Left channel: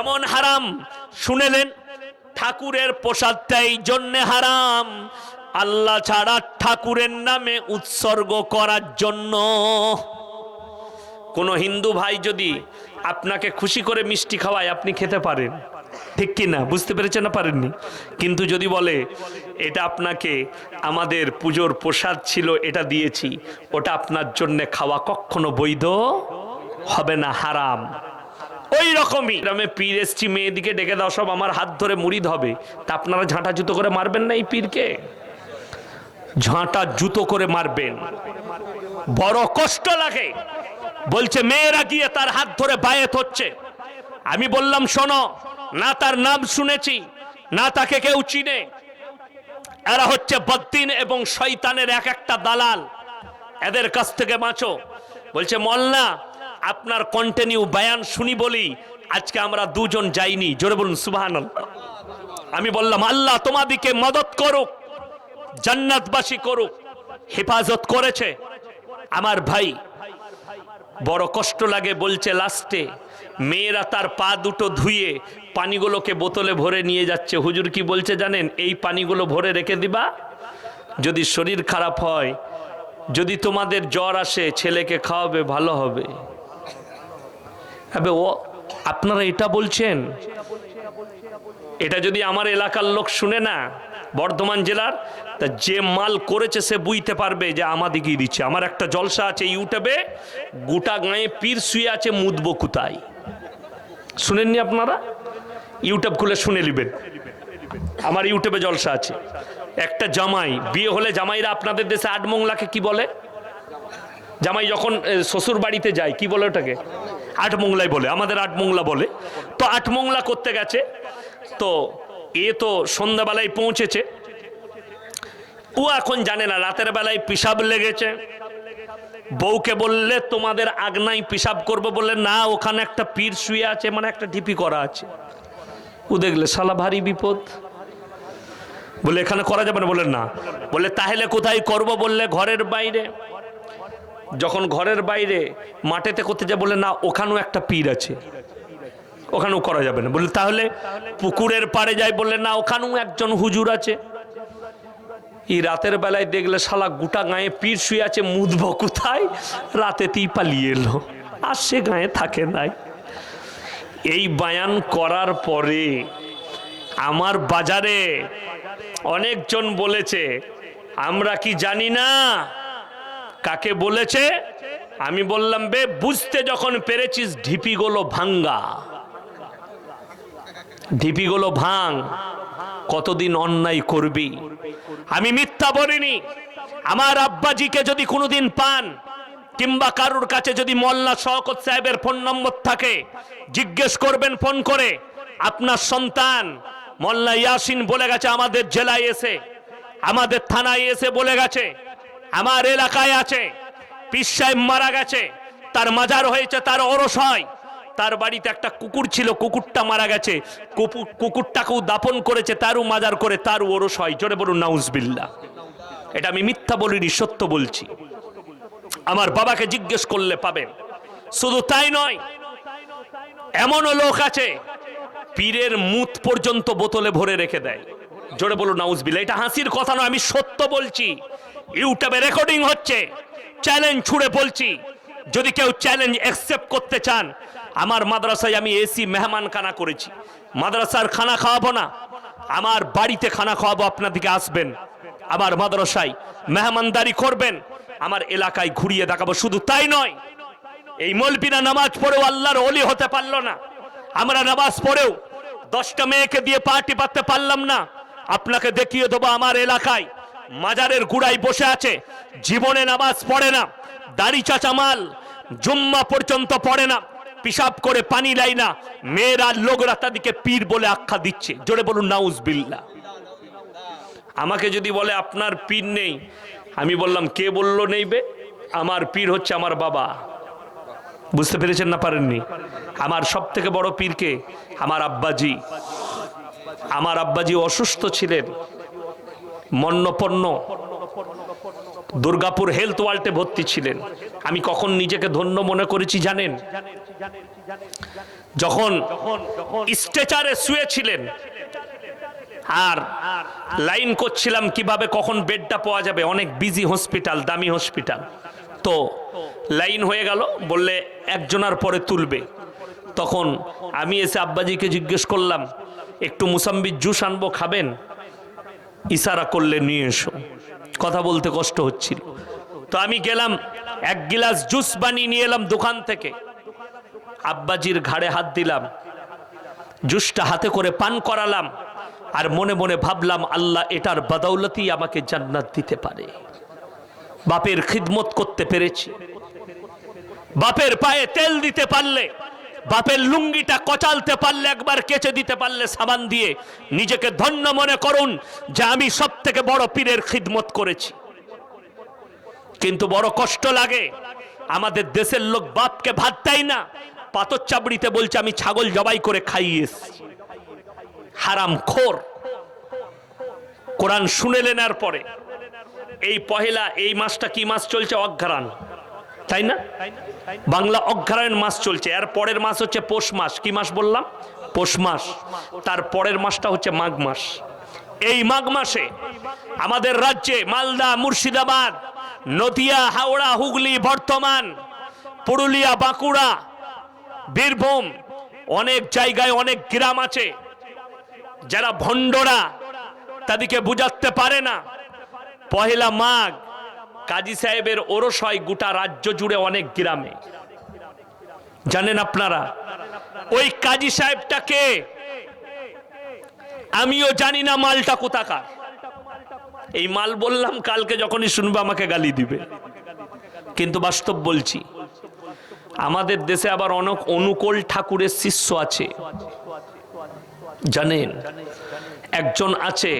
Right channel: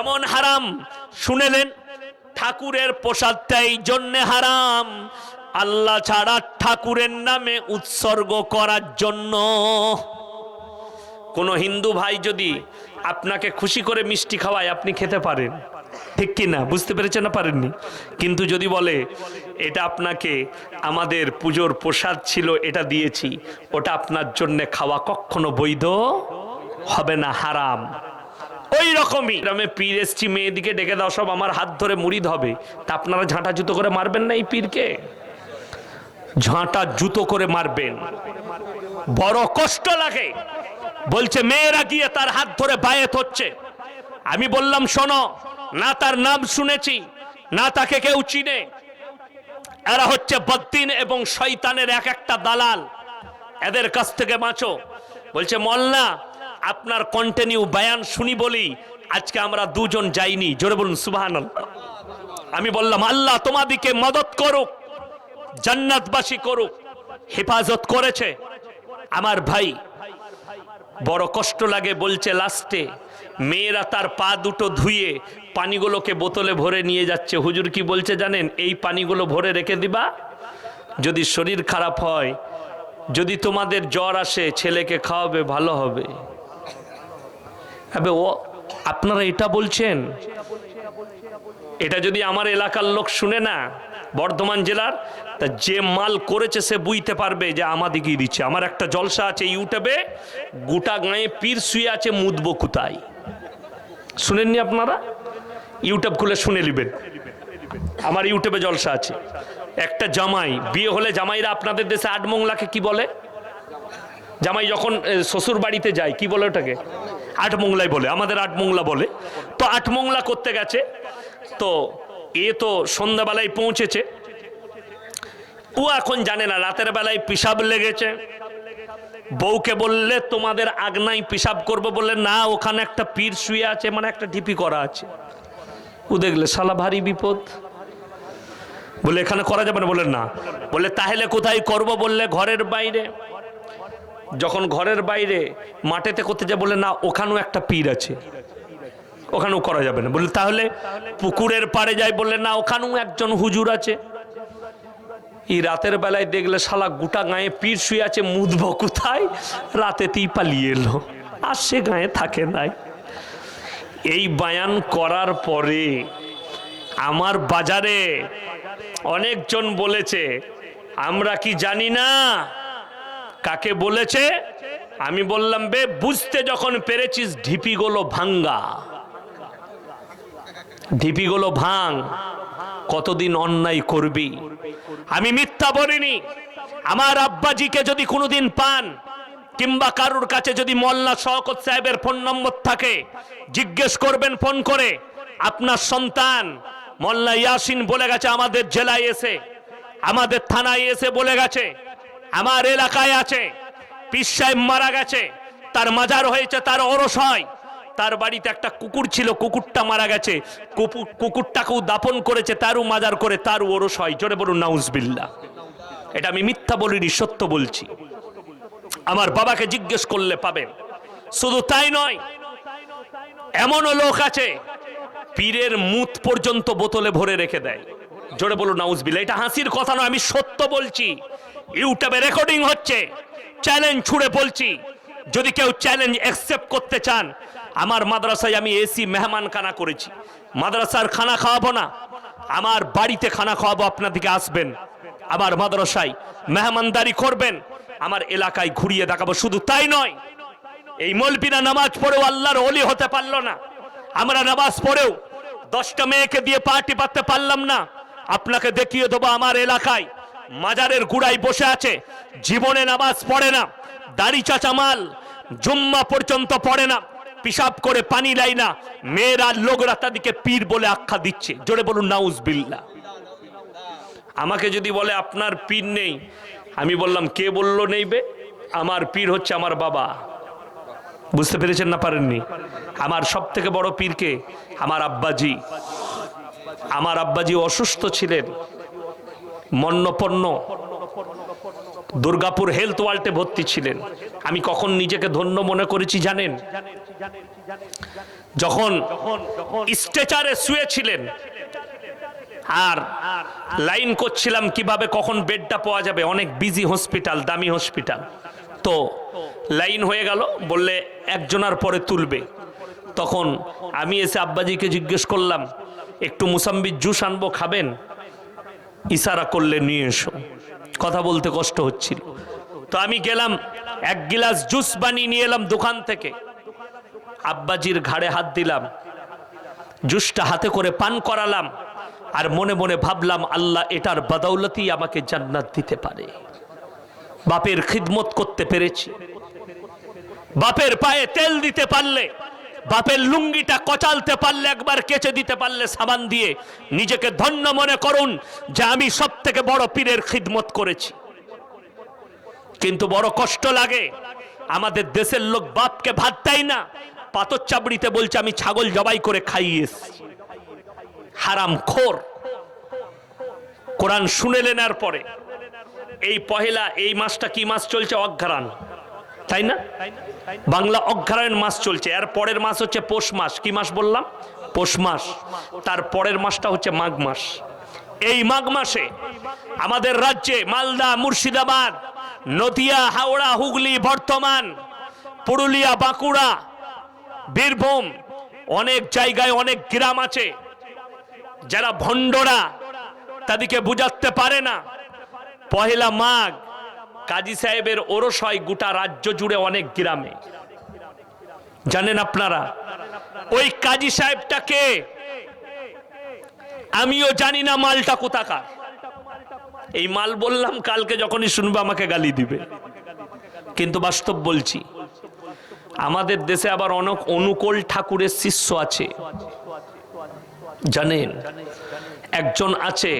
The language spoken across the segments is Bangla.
এমন হারাম শুনেলেন, ঠাকুরের প্রসাদটা এই জন্যে হারাম, আল্লাহ ছাড়া ঠাকুরের নামে উৎসর্গ করার জন্য। কোন হিন্দু ভাই যদি আপনাকে খুশি করে মিষ্টি খাওয়ায়, আপনি খেতে পারেন, ঠিক কি না? বুঝতে পেরেছেন না পারেননি? কিন্তু যদি বলে এটা আপনাকে আমাদের পুজোর প্রসাদ ছিল, এটা দিয়েছি, ওটা আপনার জন্য খাওয়া কখনো বৈধ হবে না, হারাম। ওই রকমই গ্রামে পীর এসছি, মেয়েদিকে ডেকে দাও, সব আমার হাত ধরে মুরিদ হবে, তা আপনারা ঝাঁটা জুতো করে মারবেন না? এই পীরকে ঝাঁটা জুতো করে মারবেন, বড় কষ্ট লাগে। বলছে মেয়েরা গিয়ে তার হাত ধরে বায়েত হচ্ছে। আমি বললাম শোনো, না তার নাম শুনেছি, না তাকে কেউ চিনে, এরা হচ্ছে বদ্দিন এবং শয়তানের এক একটা দালাল, এদের কাছ থেকে বাঁচো। বলছে মোল্লা আপনার কন্টিনিউ বায়ান শুনি বলি আজকে আমরা দুজন যাইনি, জোরে বলুন সুবহানাল্লাহ। আমি বললাম আল্লাহ তোমাদিকে মদত করুক, জান্নাতবাসী করুক। হেফাজত করেছে আমার ভাই, বড় কষ্ট লাগে। বলছে লাস্টে মেয়েরা তার পা দুটো ধুয়ে পানিগুলোকে বোতলে ভরে নিয়ে যাচ্ছে। হুজুর কি বলছে জানেন? এই পানিগুলো ভরে রেখে দিবা, যদি শরীর খারাপ হয়, যদি তোমাদের জ্বর আসে, ছেলেকে খাওয়াবে, ভালো হবে। আবে ও আপনারা এটা বলছেন? এটা যদি আমার এলাকার লোক শুনে না, বর্ধমান জেলার, তা যে মাল করেছে সে বুঝতে পারবে যে আমাদিকেই দিচ্ছে। আমার একটা জলসা আছে ইউটিউবে, গোটা গায়ে পীর শুয়ে আছে, মুদবো কোথায়, শুনেননি আপনারা? ইউটিউব খুলে শুনে নেবেন, আমার ইউটিউবে জলসা আছে। একটা জামাই বিয়ে হলে, জামাইরা আপনাদের দেশে আটমংলাকে কি বলে? জামাই যখন শ্বশুর বাড়িতে যায় কি বলে ওটাকে? আটমংলাই বলে, আমাদের আটমংলা বলে। তো আটমংলা করতে গেছে, তো এ তো সন্ধ্যাবেলায় পৌঁছেছে, ও এখন জানে না রাতের বেলায় পিসাব লেগেছে। বউকে বললে তোমাদের আগনাই পিসাব করবো, বললে না ওখানে একটা পীর শুয়ে আছে, মানে একটা ঢিপি করা আছে। ও দেখলে শালা ভারী বিপদ, বলে এখানে করা যাবে না, বলে না। বলে তাহলে কোথায় করব? বললে ঘরের বাইরে। যখন ঘরের বাইরে মাঠেতে করতে যায়, বলে না ওখানেও একটা পীর আছে, ওখানেও করা যাবে না। বলে তাহলে পুকুরের পাড়ে যায়, বললে না ওখানেও একজন হুজুর আছে। এই রাতের বেলায় দেখলে শালা গোটা গায়ে পীর শুয়ে আছে, মুদবো কোথায়? রাতেতেই পালিয়ে এলো, আর সে গায়ে থাকে নাই। এই বায়ান করার পরে আমার বাজারে অনেকজন বলেছে, আমরা কি জানি না কাকে বলেছে? আমি বললাম বে বুঝতে যখন পেরেছিস, ঢিপিগুলো ভাঙ্গা, ঢিপিগুলো ভাঙ, কতদিন অন্যায় করবি? আমি মিথ্যা বলিনি। আমার আব্বাজিকে যদি কোনোদিন পান, কিংবা কারুর কাছে যদি মোল্লা শওকত সাহেবের ফোন নম্বর থাকে, জিজ্ঞেস করবেন ফোন করে, আপনার সন্তান মোল্লা ইয়াসিন বলে গেছে আমাদের জেলায় এসে, আমাদের থানায় এসে বলে গেছে, আমার এলাকায় আছে, পীর সাহেব মারা গেছে, তার মাজার হয়েছে, তার ওরস হয়, তার বাড়িতে একটা কুকুর ছিল, কুকুরটা মারা গেছে, কুকুরটাকেও দাফন করেছে, তারও মাজার করে, তারও ওরস হয়। জোরে বলুন নাউজুবিল্লাহ। এটা আমি মিথ্যা বলিনি, সত্য বলছি। আমার বাবাকে জিজ্ঞেস করলে পাবেন। শুধু তাই নয়, এমনও লোক আছে পীরের মুত পর্যন্ত বোতলে ভরে রেখে দেয়। জোরে বলুন নাউজুবিল্লাহ। এটা হাসির কথা নয়, আমি সত্য বলছি। ইউটিউবে রেকর্ডিং হচ্ছে, চ্যালেঞ্জ ছুড়ে বলছি। যদি কেউ চ্যালেঞ্জ অ্যাকসেপ্ট করতে চান, আমার মাদ্রাসায় আমি এসি মেহমানখানা করেছি, মাদ্রাসার খানা খাওয়াবো না, আমার বাড়িতে খানা খাওয়াবো, আপনাদিকে আসবেন, আমার মাদ্রাসায় মেহমানদারি করবেন, আমার এলাকায় ঘুরিয়ে দেখাবো। শুধু তাই নয়, এই মৌলবীরা নামাজ পড়েও আল্লাহর ওলি হতে পারলো না, আমরা নামাজ পড়েও 10টা মেয়েকে দিয়ে পার্টি পাততে পারলাম না, আপনাকে দেখিয়ে দেবো আমার এলাকায় মাজারের গুড়ায় বসে আছে, জীবনে নামাজ পড়ে না, দাড়ি চাচামাল, জুম্মা পর্যন্ত পড়ে না, পিসাব করে পানি লাই না, মেয়েরা লোকরা তাদেরকে পীর বলে আখ্যা দিচ্ছে। জোরে বলুন নাউজুবিল্লাহ। আমাকে যদি বলে আপনার পীর নেই, আমি বললাম কে বললো নেইবে? আমার পীর হচ্ছে আমার বাবা। বুঝতে পেরেছেন না পারেননি? আমার সব থেকে বড় পীরকে আমার আব্বাজি। আমার আব্বাজি অসুস্থ ছিলেন, মন্নপন্ন, দুর্গাপুর হেলথ ওয়ার্ল্ডে ভর্তি ছিলেন। আমি কখন নিজেকে ধন্য মনে করেছি জানেন? যখন স্ট্রেচারে শুয়েছিলেন আর লাইন করছিলাম কিভাবে কখন বেডটা পাওয়া যাবে, অনেক বিজি হসপিটাল, দামি হসপিটাল, তো লাইন হয়ে গেল, বললে একজনের পরে তুলবে। তখন আমি এসে আব্বাজিকে জিজ্ঞেস করলাম, একটু মুসাম্বির জুস আনবো, খাবেন? ইশারা করলে নিয়ে এসো। কথা বলতে কষ্ট হচ্ছিল, তো আমি গেলাম, এক গিলাস জুস বানিয়ে নিয়ে এলাম দোকান থেকে, আব্বাজির ঘাড়ে হাত দিলাম, জুসটা হাতে করে পান করালাম, আর মনে মনে ভাবলাম আল্লাহ এটার বদৌলতই আমাকে জান্নাত দিতে পারে। বাপের খিদমত করতে পেরেছি, বাপের পায়ে তেল দিতে পারলে, বাপের লুঙ্গিটা কচালতে পারলে, একবার কেচে দিতে পারলে সাবান দিয়ে, নিজেকে ধন্য মনে করুন যে আমি সব থেকে বড় পীরের খিদমত করেছি। কিন্তু বড় কষ্ট লাগে, আমাদের দেশের লোক বাপকে ভাত দেয় না, পাথর চাবড়িতে বলছে আমি ছাগল জবাই করে খাইয়েছি। হারাম খোর। কোরআন শুনে নেওয়ার পরে এই পহেলা, এই মাসটা কি মাস চলছে? অঘ্রাণ, তাই না? বাংলা অঘ্রাণ মাস চলছে, এর পরের মাস হচ্ছে পৌষ মাস। কি মাস বললাম? পৌষ মাস। তার পরের মাসটা হচ্ছে মাঘ মাস। এই মাঘ মাসে আমাদের রাজ্যে মালদা, মুর্শিদাবাদ, নদিয়া, হাওড়া, হুগলি, বর্ধমান, পুরুলিয়া, বাঁকুড়া, বীরভূম, অনেক জায়গায় অনেক গ্রাম আছে যারা ভণ্ডরা, তাদেরকে বুঝাতে পারে না। পহেলা মাঘ কাজী সাহেবের ওরস হয় গোটা রাজ্য জুড়ে, অনেক গ্রামে। জানেন আপনারা ওই কাজী সাহেবটাকে? আমিও জানি না মালটা কোথাকার। এই মাল বললাম, কালকে যখনই শুনবে আমাকে গালি দিবে, কিন্তু বাস্তব বলছি। আমাদের দেশে আবার অনেক অনুকূল ঠাকুরের শিষ্য আছে, জানেন? একজন আছে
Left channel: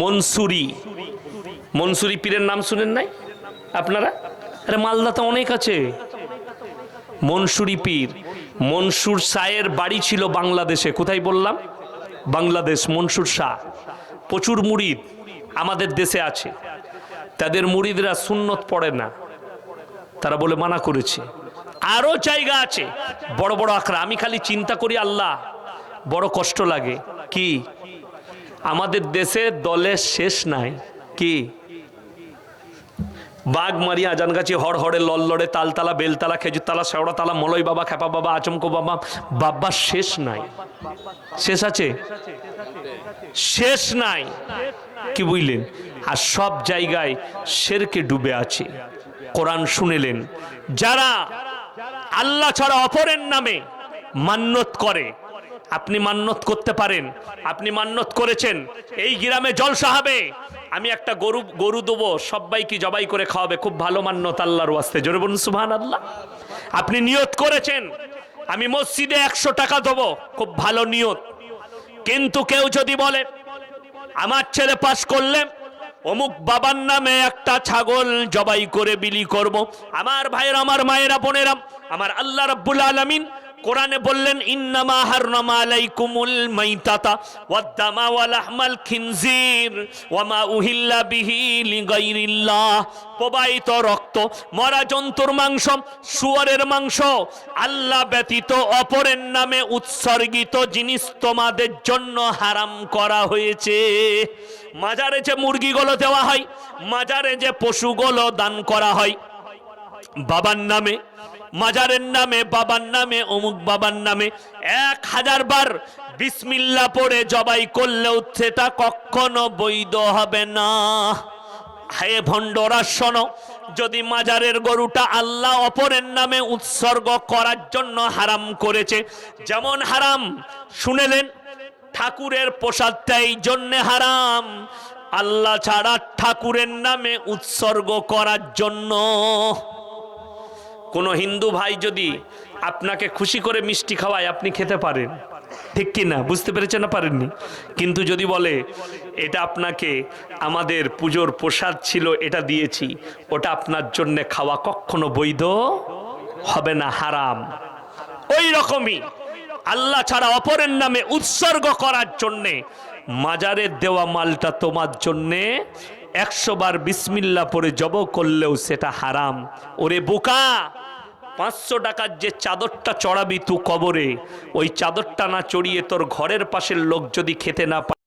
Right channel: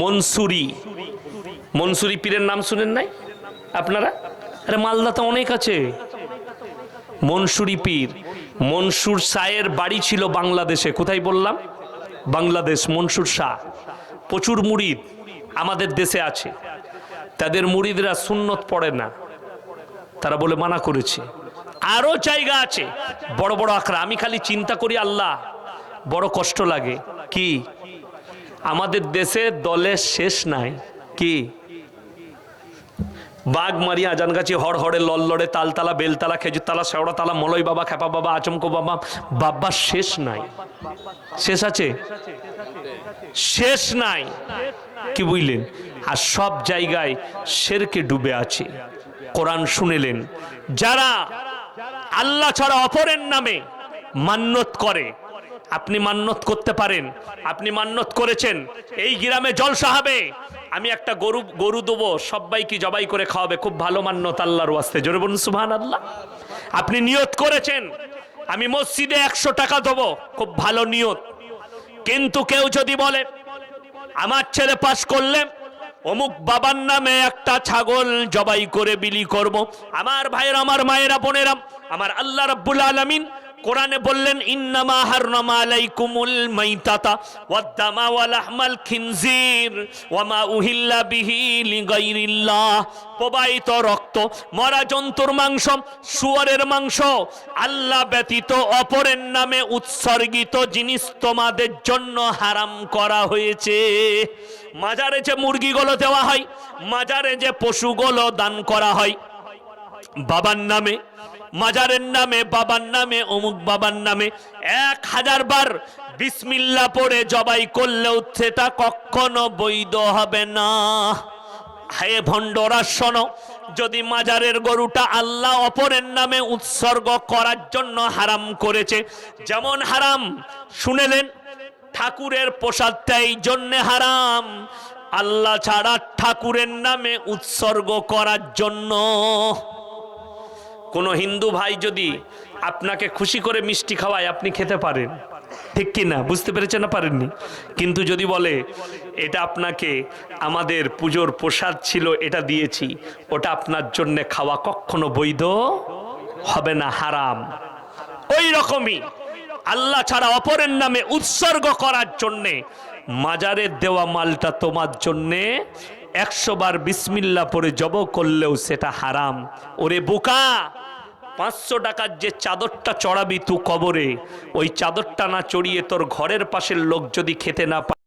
মনসুরি, মনসুরি পীরের নাম শুনেন নাই আপনারা? আরে মালদাতে অনেক আছে মনসুরি পীর। মনসুর শাহের বাড়ি ছিল বাংলাদেশে। কোথায় বললাম? বাংলাদেশ। মনসুর শাহ প্রচুর মুরিদ আমাদের দেশে আছে। তাদের মুরিদরা সুন্নত পড়ে না, তারা বলে মানা করেছে। আরো জায়গা আছে বড় বড় আখড়া। আমি খালি চিন্তা করি আল্লাহ, বড় কষ্ট লাগে। কি আমাদের দেশে দলের শেষ নাই? কি বাগমারি, আজানগাছি, হড়হড়ে, লল্লড়ে, তালতলা, বেলতলা, খেজুরতলা, শেওড়াতলা, মলয় বাবা, খেপা বাবা, আচমকো বাবা, বাবা শেষ নাই। শেষ আছে? শেষ নাই। কি বুঝলেন? আর সব জায়গায় শেরকে ডুবে আছে। কোরআন শুনেলেন, যারা আল্লাহ ছাড়া অপরের নামে মান্যত করে। আপনি মান্যত করতে পারেন, আপনি মান্যত করেছেন এই গ্রামে জলসা হবে, আমি একটা গরু দেবো, সবাইকে জবাই করে খাওয়াবে, খুব ভালো মান্যত আল্লাহর ওয়াস্তে, জোরে বলুন সুবহানাল্লাহ। আপনি নিয়ত করেছেন আমি মসজিদে 100 টাকা দেবো, খুব ভালো নিয়ত। কিন্তু কেউ যদি বলে আমার ছেলে পাস করলে অমুক বাবার নামে একটা ছাগল জবাই করে বিলি করব, আমার ভাইয়েরা, আমার মায়েরা, বোনেরা, আমার আল্লাহ রাব্বুল আলামিন কোরআনে বললেন ইন্নামা হাররামা আলাইকুমুল মাইতাতা ওয়াদ-দামা ওয়া লাহমাল খিনজির ওয়া মা উহিল্লা বিহি লিগাইরিল্লাহ। প্রবাহিত রক্ত, মরা জন্তুর মাংস, শুয়োরের মাংস, আল্লাহ ব্যতীত অপরের নামে উৎসর্গিত জিনিস তোমাদের জন্য হারাম করা হয়েছে। মাজারে যে মুরগিগুলো দেওয়া হয়, মাজারে যে পশুগুলো দান করা হয় বাবার নামে, মাজারের নামে, বাবার নামে, অমুক বাবার নামে, 1000 বার বিসমিল্লাহ পড়ে জবাই করলেও সেটা কখনো বৈধ হবে না। হে ভণ্ডরা শোনো, যদি মাজারের গরুটা আল্লাহ অপরের নামে উৎসর্গ করার জন্য হারাম করেছে, যেমন হারাম শুনেলেন ঠাকুরের প্রসাদটা এই জন্য হারাম, আল্লাহ ছাড়া ঠাকুরের নামে উৎসর্গ করার জন্য। কোন হিন্দু ভাই যদি আপনাকে খুশি করে মিষ্টি খাওয়ায়, আপনি খেতে পারেন, ঠিক কি না? বুঝতে পেরেছেন না? পারেননি। কিন্তু যদি বলে এটা আপনাকে আমাদের পুজোর প্রসাদ ছিল, এটা দিয়েছি, ওটা আপনার জন্য খাওয়া কখনো বৈধ হবে না, হারাম। ওই রকমই আল্লাহ ছাড়া অপরের নামে উৎসর্গ করার জন্যে মাজারের দেওয়া মালটা তোমার জন্যে 100 বার বিসমিল্লাহ পড়ে জব করলেও সেটা হারাম। ওরে বোকা, 500 টাকার যে চাদরটা চড়াবি তুই কবরে, ওই চাদরটা না চড়িয়ে তোর ঘরের পাশের লোক যদি খেতে না পায়